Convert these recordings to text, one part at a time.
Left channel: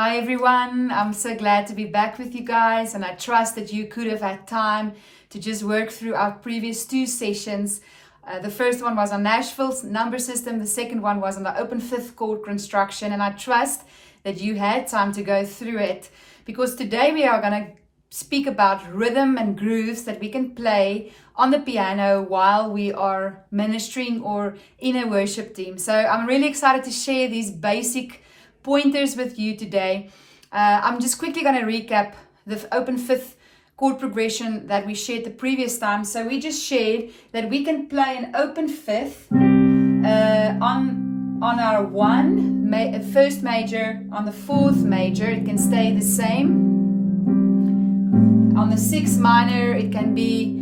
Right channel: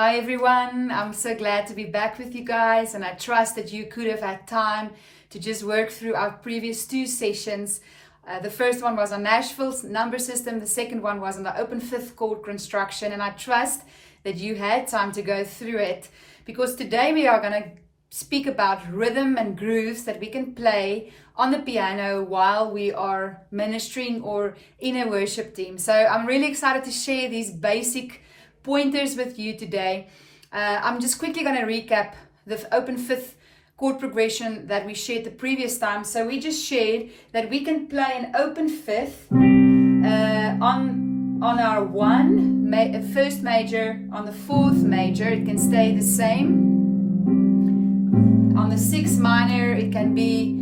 Hi everyone, I'm so glad to be back with you guys, and I trust that you could have had time to just work through our previous two sessions. The first one was on Nashville's number system, the second one was on the open fifth chord construction, and I trust that you had time to go through it, because today we are going to speak about rhythm and grooves that we can play on the piano while we are ministering or in a worship team. So I'm really excited to share these basic pointers with you today. I'm just quickly going to recap the open fifth chord progression that we shared the previous time. So we just shared that we can play an open fifth on our first major, on the fourth major it can stay the same. On the sixth minor it can be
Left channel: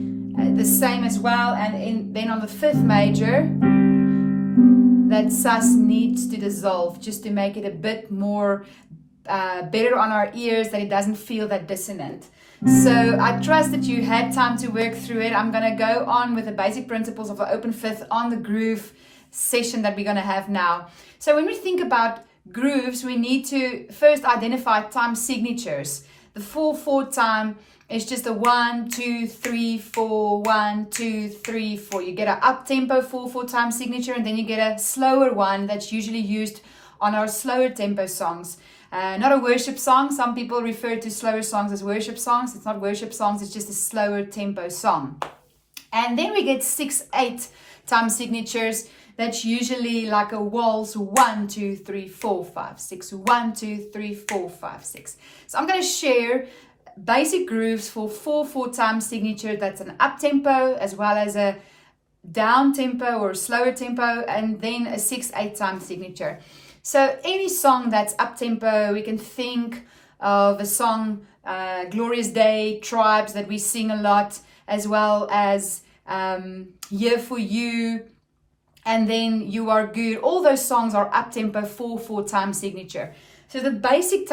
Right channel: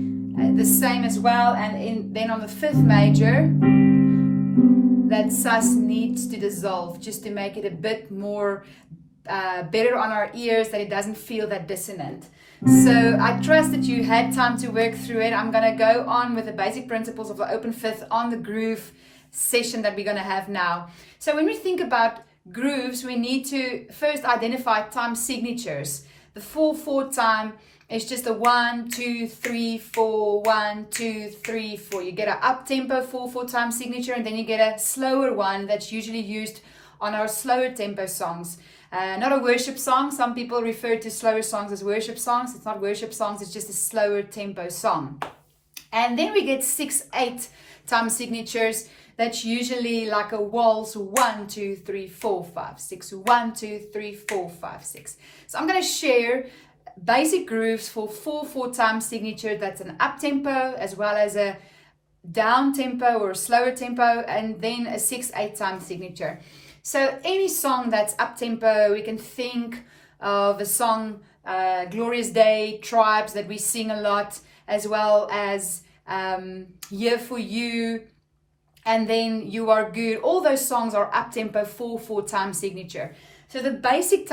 the same as well, and then on the fifth major that sus needs to dissolve just to make it a bit more better on our ears, that it doesn't feel that dissonant. So I trust that you had time to work through it. I'm going to go on with the basic principles of the open fifth on the groove session that we're going to have now. So when we think about grooves, we need to first identify time signatures. The 4/4 time is just a 1, 2, 3, 4, 1, 2, 3, 4. You get an up tempo 4/4 time signature, and then you get a slower one that's usually used on our slower tempo songs. Not a worship song. Some people refer to slower songs as worship songs. It's not worship songs, it's just a slower tempo song. And then we get 6/8 time signatures. That's usually like a waltz, 1, 2, 3, 4, 5, 6, 1, 2, 3, 4, 5, 6. So I'm going to share basic grooves for 4/4 time signature. That's an up tempo as well as a down tempo or slower tempo, and then a 6/8 time signature. So any song that's up tempo, we can think of a song, Glorious Day, Tribes, that we sing a lot, as well as Here For You, and then You Are Good. All those songs are up tempo 4/4 time signature. So the basic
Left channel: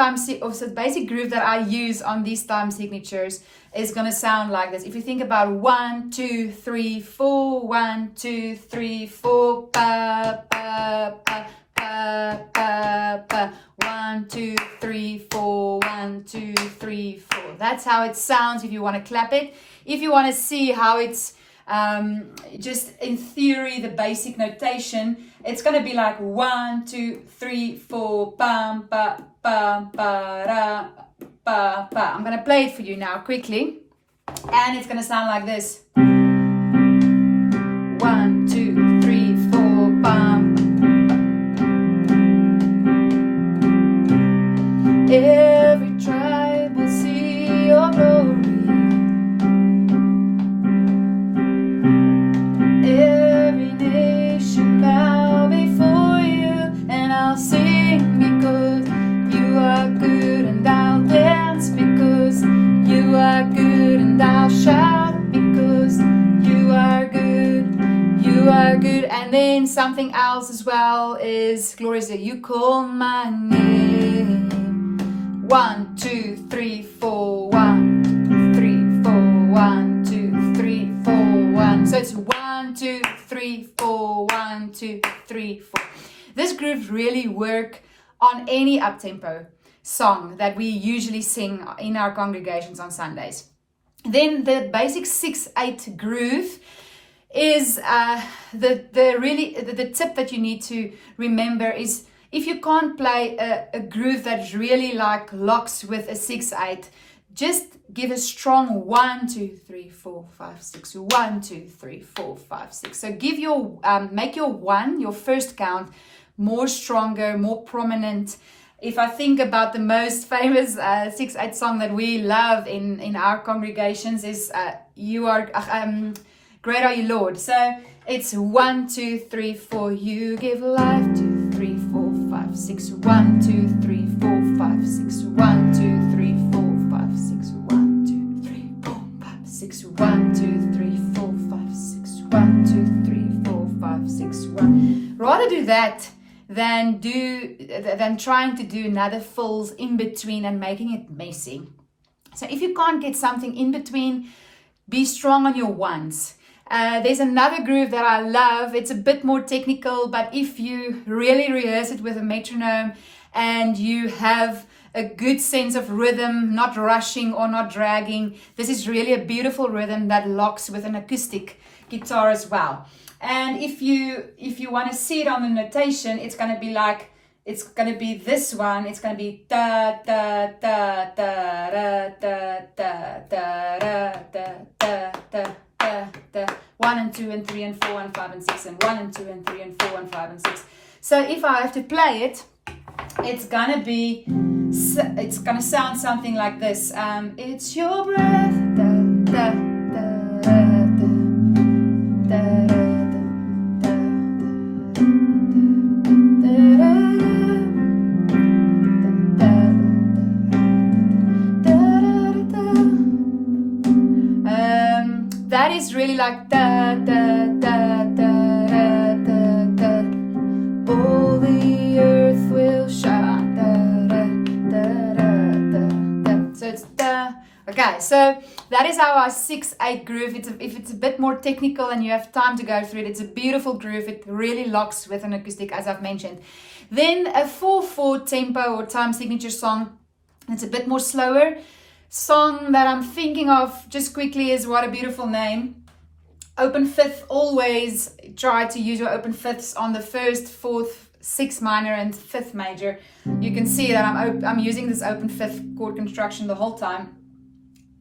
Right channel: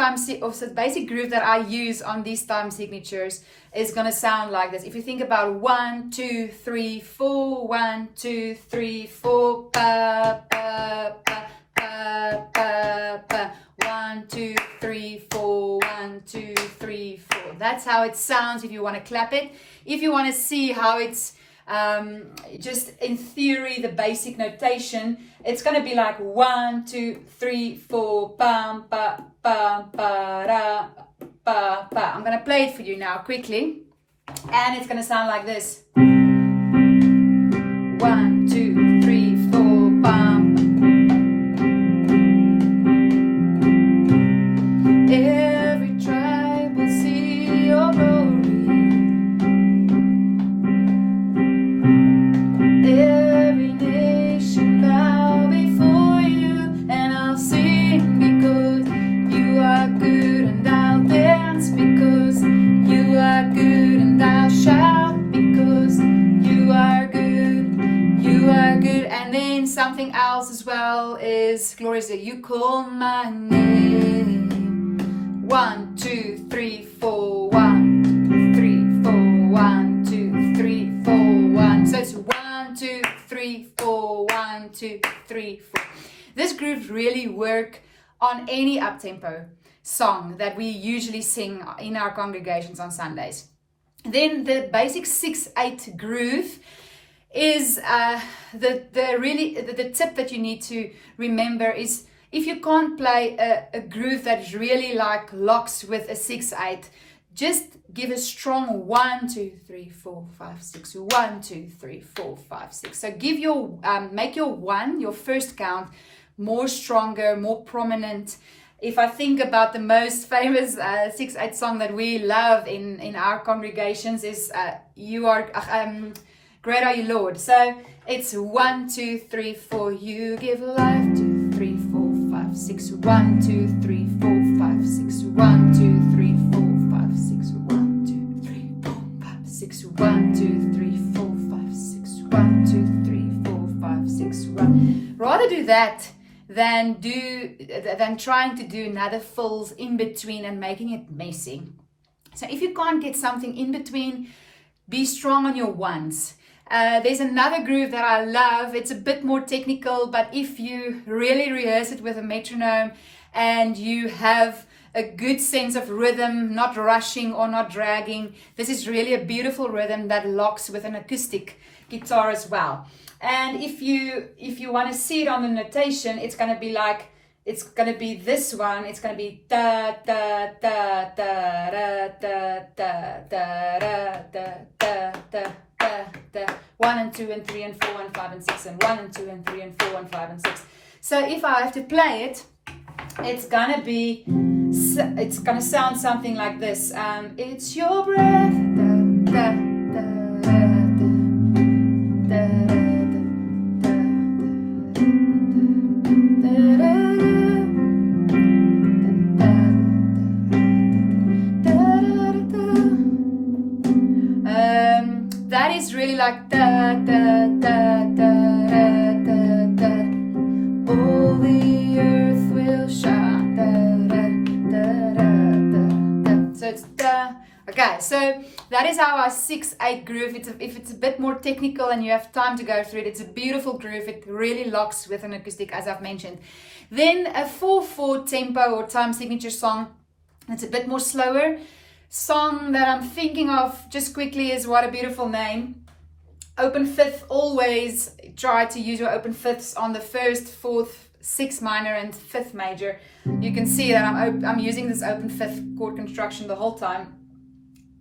basic groove that I use on these time signatures is going to sound like this. If you think about 1, 2, 3, 4, 1, 2, 3, 4, pa, pa, pa, pa, pa, pa, 1, 2, 3, 4, 1, 2, 3, 4. That's how it sounds if you want to clap it. If you want to see how it's just in theory, the basic notation, it's going to be like 1, 2, 3, 4, pam, pa, pa, pa, ra, pa, pa. I'm going to play it for you now quickly, and it's going to sound like this. 1, 2, 3, 4, pam. Every tribe will see your glory. Every nation bow before you, and I'll sing because you are good, and I'll dance because you are good, and I'll shout because you are good, you are good. And then something else as well is glorious that you call my name. 1, 2, 3, 4, 1, 3, 4, 1, 2, 3, 4, 1. So it's 1, 2, 3, 4, 1, 2, 3, 4. This groove really work on any up-tempo song that we usually sing in our congregations on Sundays. Then the basic 6/8 groove is the tip that you need to remember is, if you can't play a groove that really like locks with a 6/8, just give a strong 1, 2, 3, 4, 5, 6, 1, 2, 3, 4, 5, 6. So give your make your one, your first count, more stronger, more prominent. If I think about the most famous 6/8 song that we love in our congregations is You Are Great Are You Lord. So it's 1, 2, 3, 4. You give life, 2, 3, 4, 5, 6. 1, 2, 3, 4, 5, 6. 1, 2, 3, 4, 5, 6. 1, 2, 3, 4, 5, 6. 1, 2, 3, 4, 5, 6. 1, 2, 3, 4, 5, 6. 1. Rather do that than trying to do another fills in between and making it messy. So if you can't get something in between, be strong on your ones. There's another groove that I love. It's a bit more technical, but if you really rehearse it with a metronome and you have a good sense of rhythm, not rushing or not dragging. This is really a beautiful rhythm that locks with an acoustic guitar as well. And if you want to see it on the notation, it's going to be like, it's going to be this one. It's going to be da da da da da da da da da da da da 1 and 2 and 3 and 4 and 5 and 6 and 1 and 2 and 3 and 4 and 5 and 6. So if I have to play it, it's gonna sound something like this. It's your breath. Da, da, da, da, that is really like da da da da da da da. All the earth will shine. Da da da da da da. So it's da. Okay, so that is our 6/8 groove. If it's a bit more technical and you have time to go through it, it's a beautiful groove. It really locks with an acoustic, as I've mentioned. Then a 4/4 tempo or time signature song. It's a bit more slower. Song that I'm thinking of just quickly is What a Beautiful Name. Open fifth, always try to use your open fifths on the 1st, 4th, 6th minor and 5th major. You can see that I'm using this open fifth chord construction the whole time.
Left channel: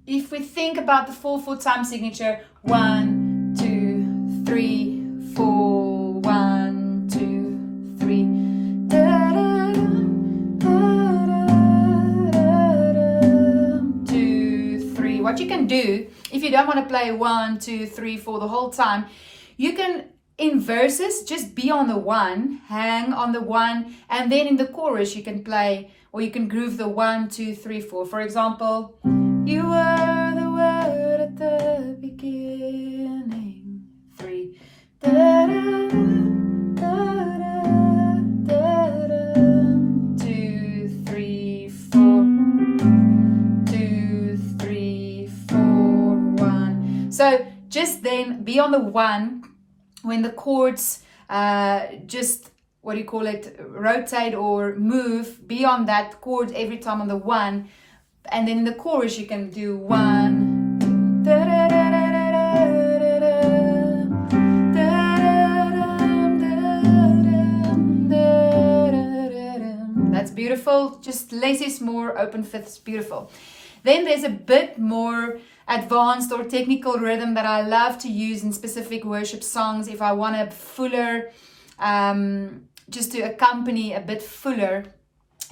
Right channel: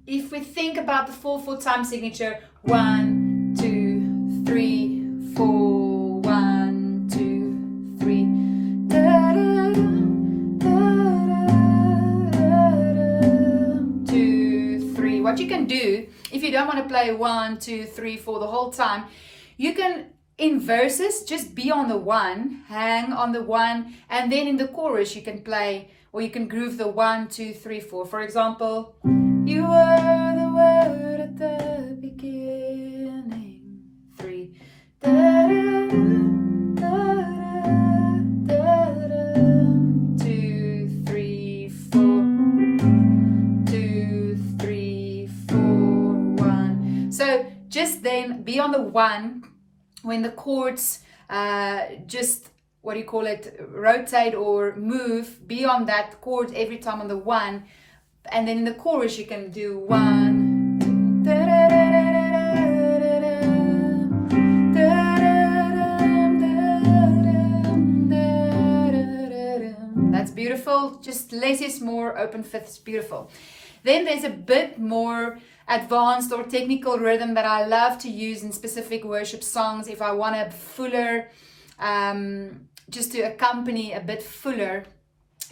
If we think about the 4/4 time signature, 1, 2, 3, 4, 1, 2, 3. Da, da, da, da, da, da, 2, 3. What you can do, if you don't want to play 1, 2, 3, 4 the whole time, you can, in verses, just be on the 1, hang on the 1, and then in the chorus you can play, or you can groove the 1, 2, 3, 4. For example, you were the word at the beginning. 3. Da, da, da, da, da, 2, 3, 4. 2, 3, 4, 1. So just then be on the 1 when the chords just, what do you call it, rotate or move. Be on that chord every time on the 1. And then in the chorus you can do 1. Da, da, da, da, da, that's beautiful. Just less is more, open fifths, beautiful. Then there's a bit more advanced or technical rhythm that I love to use in specific worship songs if I want a fuller, just to accompany a bit fuller.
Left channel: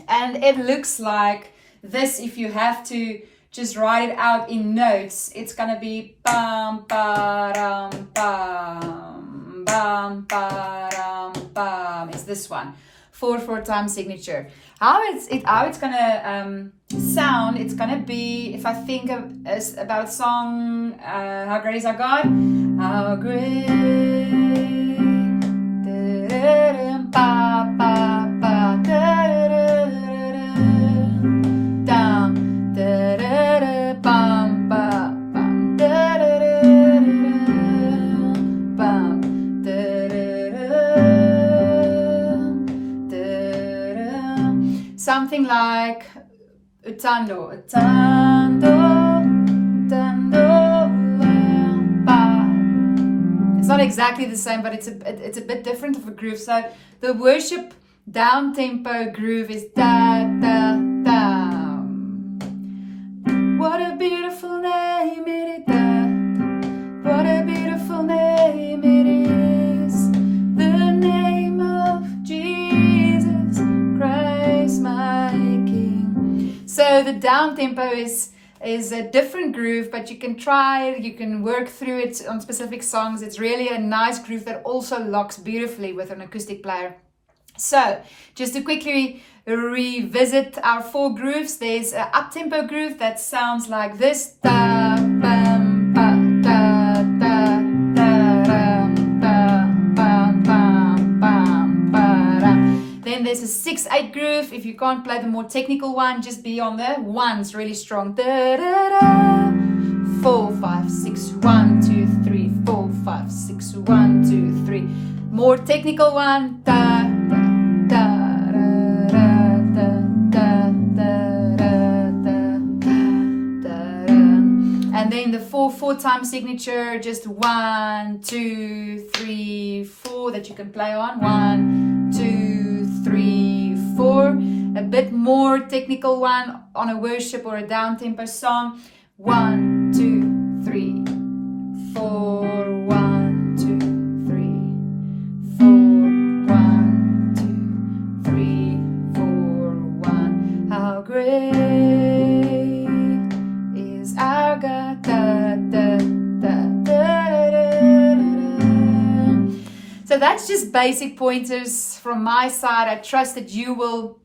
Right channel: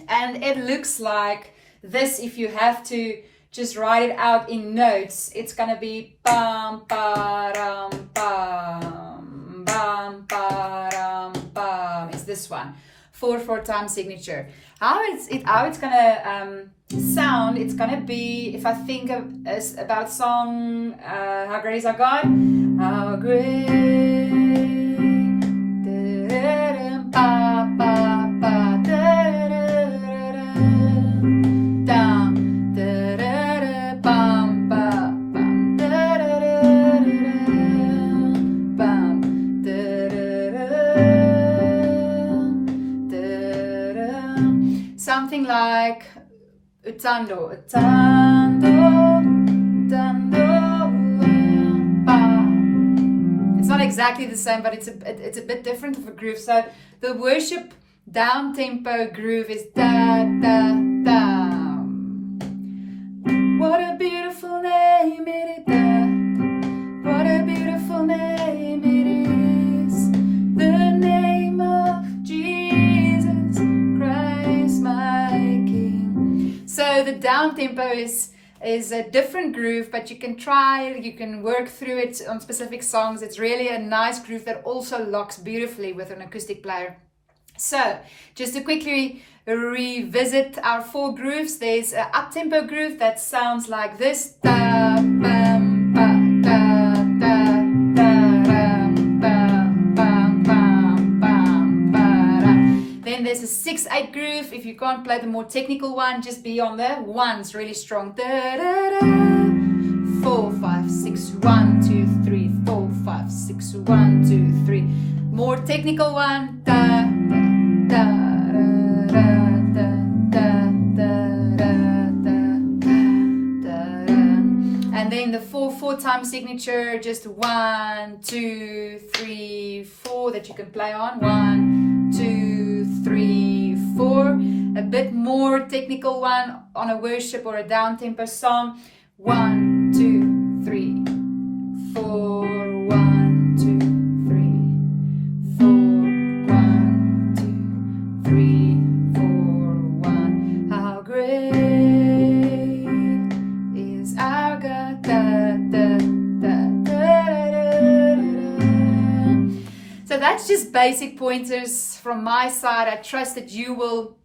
And it looks like this. If you have to just write it out in notes, it's gonna be bam bam bam bam bam bam. It's this one, 4/4 time signature. How it's gonna sound? It's gonna be, if I think about a song, How Great Is Our God? How great, ba ba ba da da down, da da bam ba bam da da bam da da. Something like utando, utando, utando, ba. It's not exactly the same, but it's a bit different of a groove. So the worship down tempo groove is da da da. What a beautiful name it is. What a beautiful name it is. The name of Jesus Christ, my King. So the down tempo is a different groove, but you can try it, you can work through it on specific songs. It's really a nice groove that also locks beautifully with an acoustic player. So just to quickly revisit our 4 grooves, there's an up-tempo groove that sounds like this. Da, bam, ba, da, da, da, da, bam, bam, bam, ba, da. Then there's a 6/8 groove. If you can't play the more technical one, just be on the 1s really strong. Da, da, da. 4, 5, 6, 1, 2, 3, 4, 5, 6, 1, 2, 3. More technical one. Da, da, da, da, da, da, da. 4-time signature, just 1, 2, 3, 4 that you can play on. 1, 2, 3, 4. A bit more technical one on a worship or a down-tempo song. 1, 2, 3, 4. 1, 2, 3, 4. 1, 2, 3, 4. 1. How great is our God. Da, da, da, da, da. So that's just basic pointers from my side. I trust that you will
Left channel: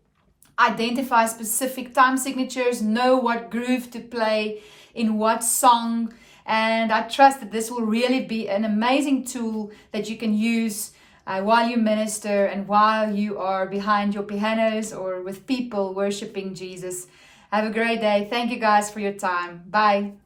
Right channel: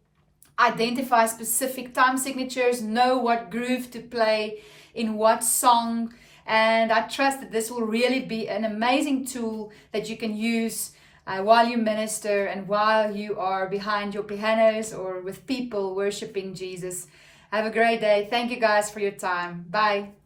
identify specific time signatures, know what groove to play in what song, and I trust that this will really be an amazing tool that you can use while you minister and while you are behind your pianos or with people worshiping Jesus. Have a great day. Thank you guys for your time. Bye.